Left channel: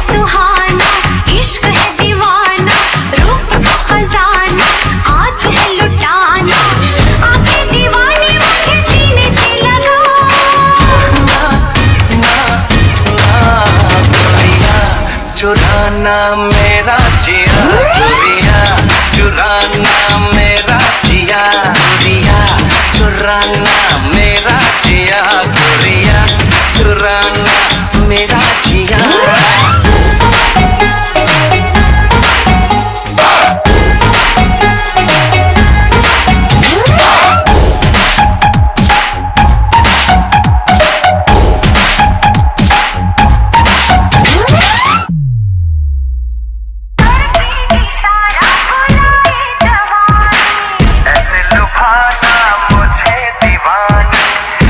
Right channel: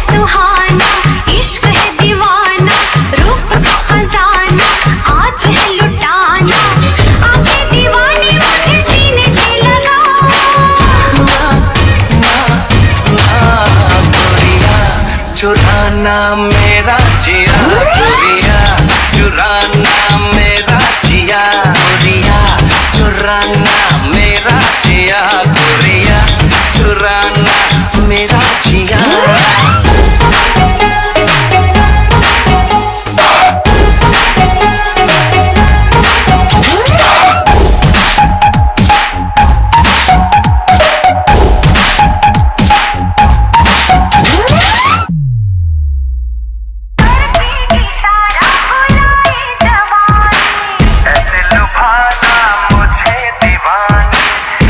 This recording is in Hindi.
सुहाना, इश्क है दीवाना, रूप का खजाना आज है लुटाना। आंखें दीवानी मुझे सीने से लगा। गोरिया चुराना मेरा जिया, गोरिया चुराना मेरा जिया, गोरिया चुराना मेरा जिया, गोरिया चुराना मेरा जिया।